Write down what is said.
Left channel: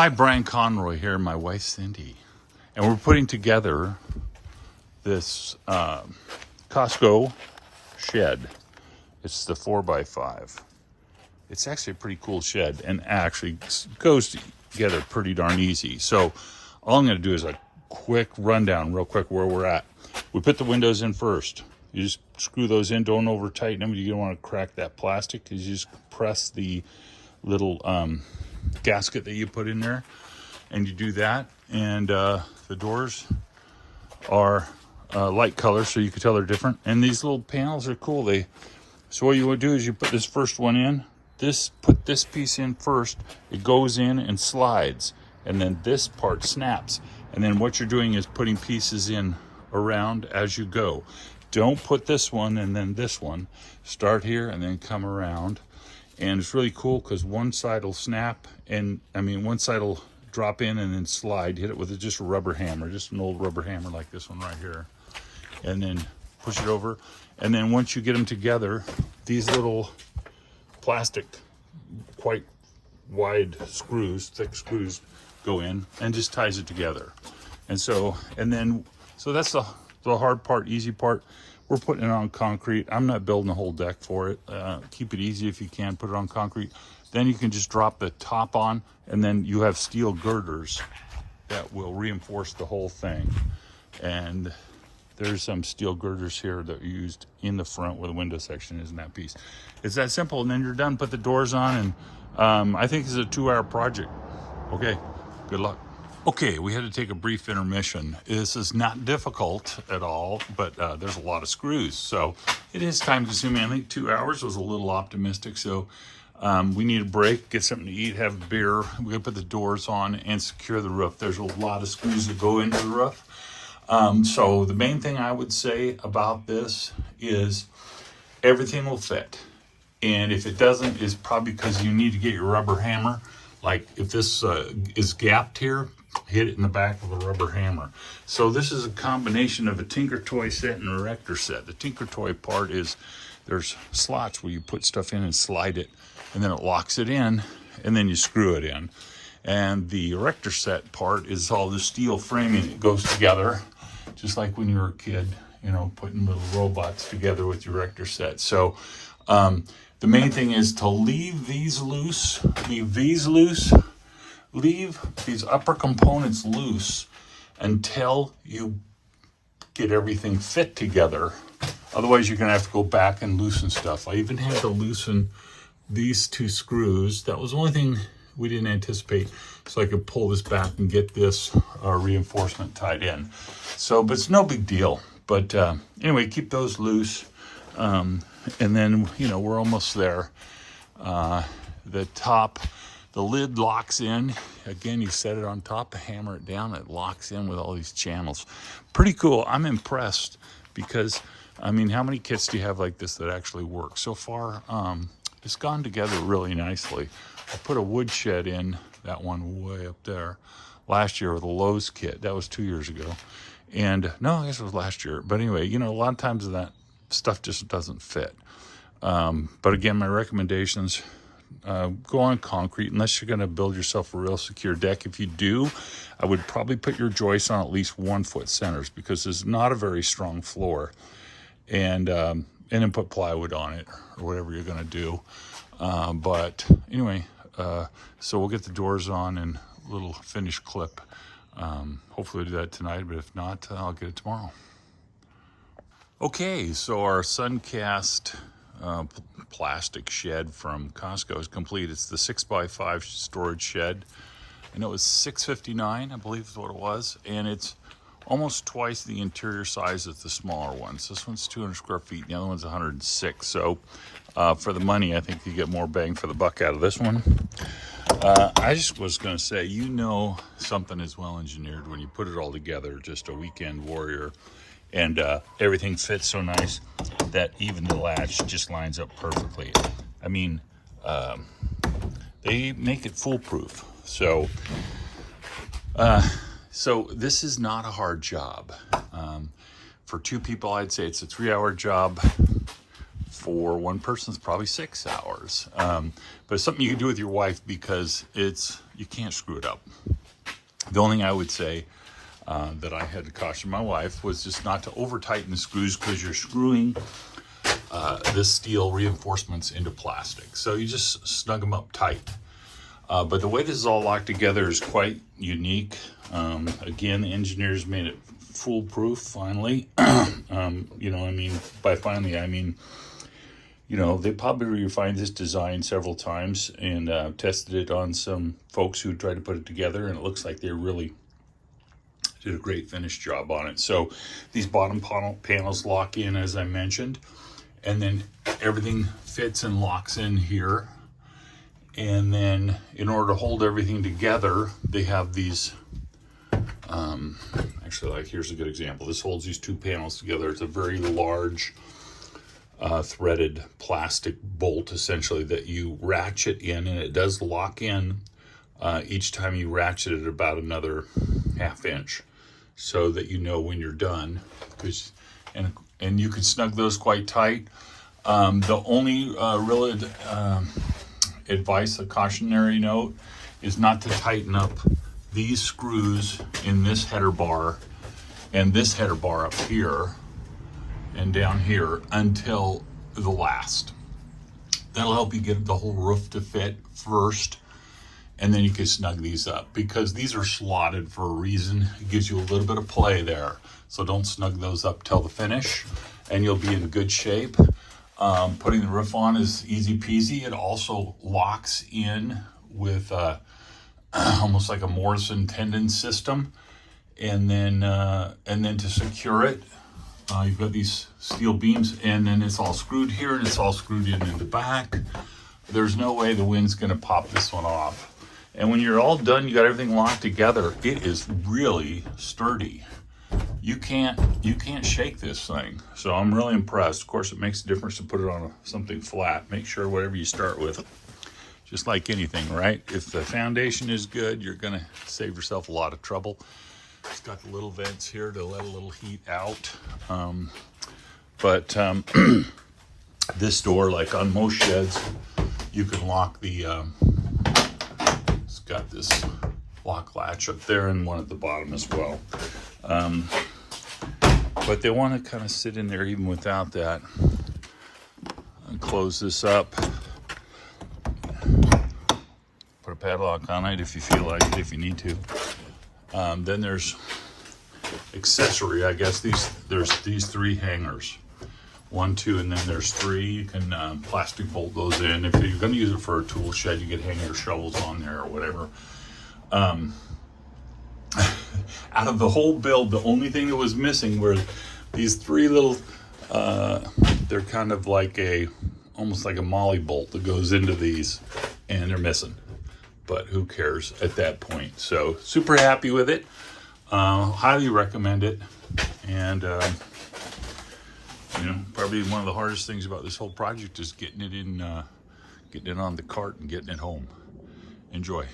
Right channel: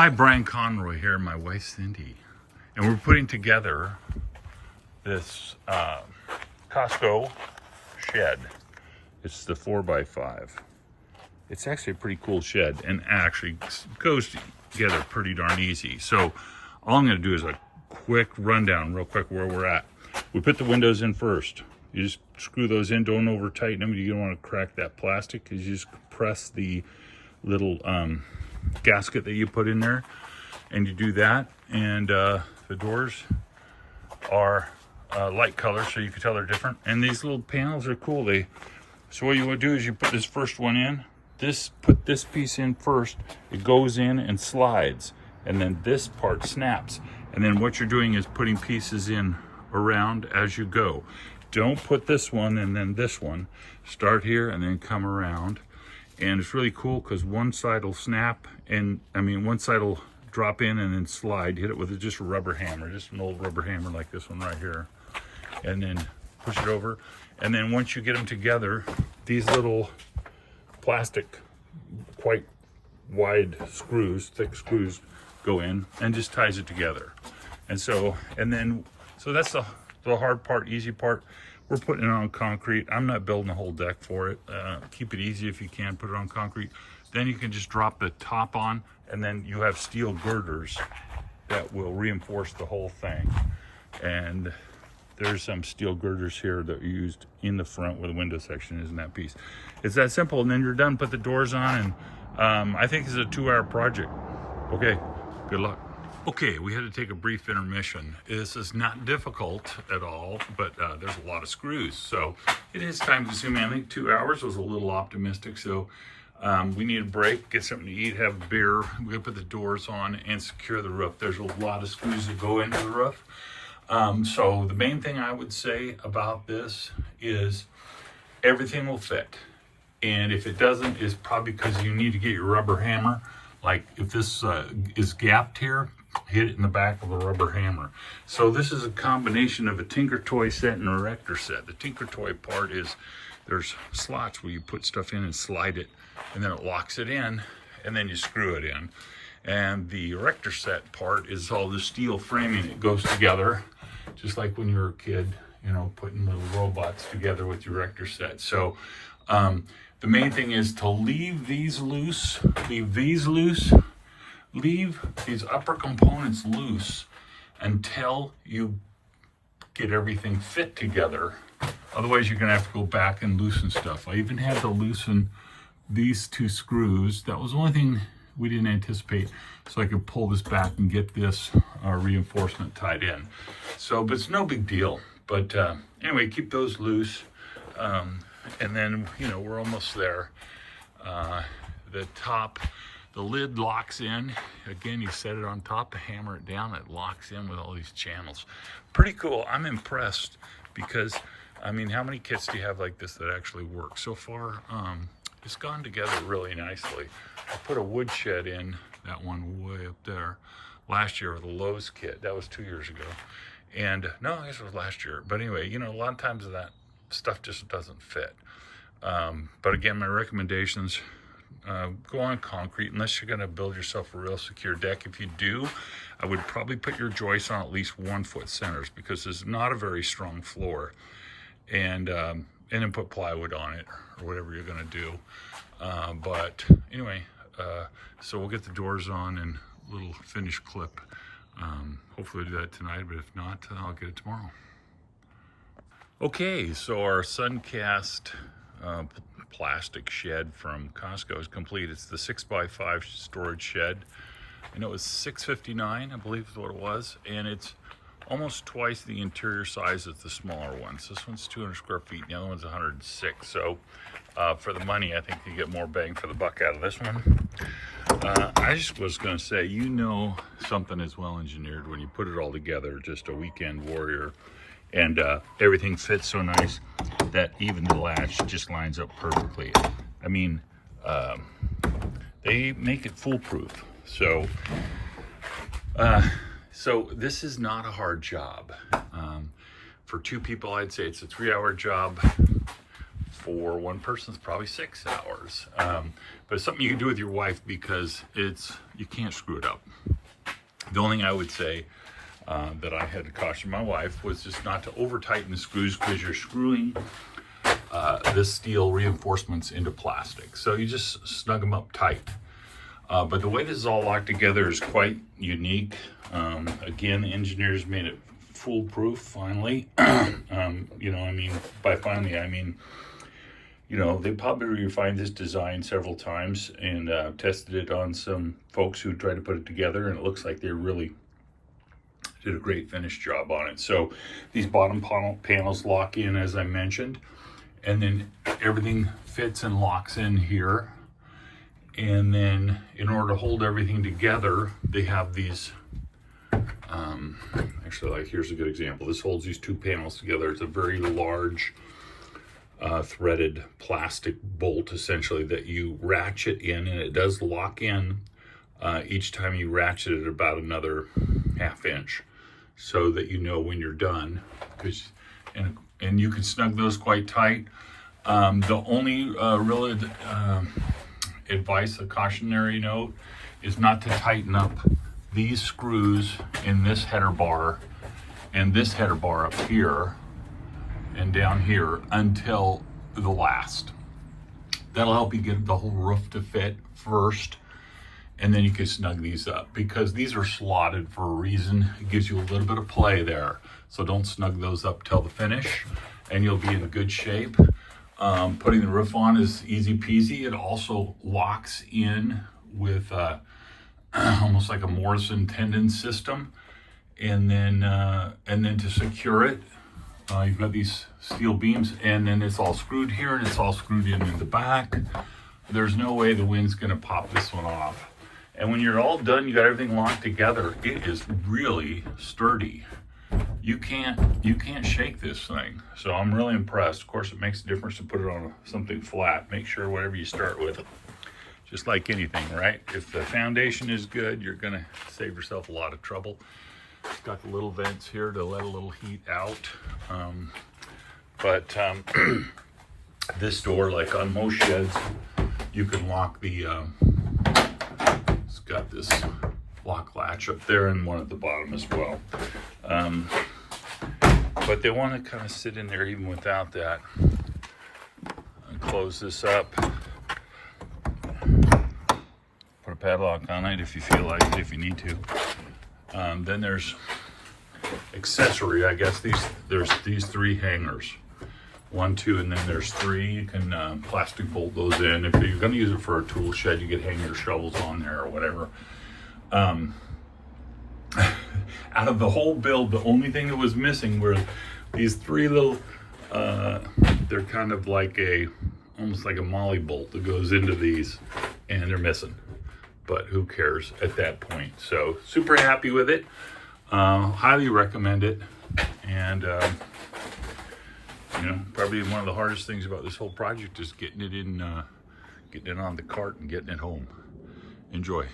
Hi, Brian Conroy here, my wife Cindy, and we're putting together this Costco shed. It's the 4x5. It's actually a pretty cool shed and actually goes together pretty darn easy. So all I'm going to do is a quick rundown real quick where we're at. We put the windows in first. You just screw those in, don't over tighten them. You don't want to crack that plastic because you just press the little gasket that you put in there, and you do that. And the doors are light color, so you can tell they're different. And these little panels are cool. So what you would do is you put this first one in. Put this piece in first. It goes in and slides, and then this part snaps. And then what you're doing is putting pieces in around as you go. Don't put this one and then this one. Start here and then come around. And it's really cool because one side will snap, and one side will drop in and then slide. Hit it with just a rubber hammer, just an old rubber hammer like this one right here. And then push it over. And then once you get them together, these little plastic, quite wide screws, thick screws, go in and just ties it together. And so that's the hard part. Easy part, we're putting it on concrete. I'm not building a whole deck for it. Keep it easy if you can. Put it on concrete. Then you can just drop the top on, and then you have steel girders that will reinforce the whole thing. And there's some steel girders here that are used in the front where the window section is in that piece. It's that simple, and then you're done. Put the doors on, and I think it's a 2-hour project. Okay, good luck. Okay, we had to take a brief intermission. This is not difficult at all, but there's a lot of screws, so it is time consuming. I think 2 hours was a little optimistic, so we need a break, get something to eat, have a beer. We're gonna put the doors on and secure the roof. There's a lot of screws that go into the roof. So the main thing I would say about this is everything will fit. And if it doesn't, it's probably because you need to get your rubber hammer. Like if this is gapped here, hit it in the back with a rubber hammer. So this is a combination of a Tinker Toy set and a Erector set. The Tinker Toy part is there's slots where you put stuff in and slide it, and then it locks it in, and then you screw it in. And the Erector set part is all the steel framing that goes together, just like when you were a kid, putting little robots together with your Erector set. So the main thing is to leave these loose, leave these upper components loose until you get everything fit together. Otherwise, you're gonna have to go back and loosen stuff. I even had to loosen these 2 screws. That was the only thing we didn't anticipate. So I could pull this back and get this reinforcement tied in. So, but it's no big deal. But anyway, keep those loose. And then, we're almost there. The lid locks in. Again, you set it on top, hammer it down, it locks in with all these channels. Pretty cool. I'm impressed because, how many kits do you have like this that actually work? So far, it's gone together really nicely. I put a wood shed in, that one way up there, last year with a Lowe's kit. That was 2 years ago. And no, I guess it was last year. But anyway, a lot of times that stuff just doesn't fit. But again, my recommendations, go on concrete unless you're going to build yourself a real secure deck. If you do, I would probably put your joists on at least 1 foot centers because there's not a very strong floor. And then put plywood on it or whatever you're going to do. But anyway, so we'll get the doors on and a little finish clip. Hopefully we'll do that tonight, but if not, I'll get it tomorrow. Okay, so our Suncast plastic shed from Costco is complete. It's the 6x5 storage shed. I know it was $6.59, I believe is what it was, and it's almost twice the interior size of the smaller ones. This one's 200 square feet, and the other one's 106. So for the money, I think you get more bang for the buck out of this one. I just was going to say, something is well engineered when you put it all together. Just a weekend warrior. And everything fits so nice that even the latch just lines up perfectly. They make it foolproof. So this is not a hard job. For 2 people, I'd say it's a 3-hour job. for one person, it's probably 6 hours. But it's something you can do with your wife because you can't screw it up. The only thing I would say that I had to caution my wife was just not to over tighten the screws, because you're screwing this steel reinforcements into plastic. So you just snug them up tight. But the way this is all locked together is quite unique. Again, the engineers made it foolproof finally. You know, I mean, by finally, I mean, you know, they probably refined this design several times and tested it on some folks who tried to put it together, and it looks like they really did a great finish job on it. So these bottom panels lock in, as I mentioned, and then everything fits and locks in here. And then in order to hold everything together, they have these, actually, like, here's a good example. This holds these two panels together. It's a very large threaded plastic bolt, essentially, that you ratchet in, and it does lock in each time you ratchet it about another ½ inch, so that you know when you're done. And you can snug those quite tight. The only real advice, a cautionary note, is not to tighten up these screws in this header bar and this header bar up here and down here until the last. That'll help you get the whole roof to fit first, and then you can snug these up, because these are slotted for a reason. It gives you a little bit of play there. So don't snug those up till the finish, and you'll be in good shape. Putting the roof on is easy peasy. It also locks in with almost like a Morrison tendon system. And then to secure it, you've got these steel beams, and then it's all screwed here, and it's all screwed in the back. There's no way the wind's gonna pop this one off. And when you're all done, you got everything locked together, it is really sturdy. You can't shake this thing. So I'm really impressed. Of course, it makes a difference to put it on something flat. Make sure whatever you start with, just like anything, right? If the foundation is good, you're gonna save yourself a lot of trouble. It's got the little vents here to let a little heat out. This door, like on most sheds, you can lock the, it's got this lock latch up there and one at the bottom as well. But they want to kind of sit in there even without that. And close this up. Put a padlock on it if you feel like it, if you need to. Then there's accessory, I guess. There's these 3 hangers. 1, 2, and then there's 3. You can plastic bolt those in. If you're going to use it for a tool shed, you could hang your shovels on there or whatever. Out of the whole build, the only thing that was missing were these 3 little, they're kind of like almost like a molly bolt that goes into these, and they're missing. But who cares at that point? So super happy with it. Highly recommend it. And you know, probably one of the hardest things about this whole project is getting it on the cart and getting it home. Enjoy.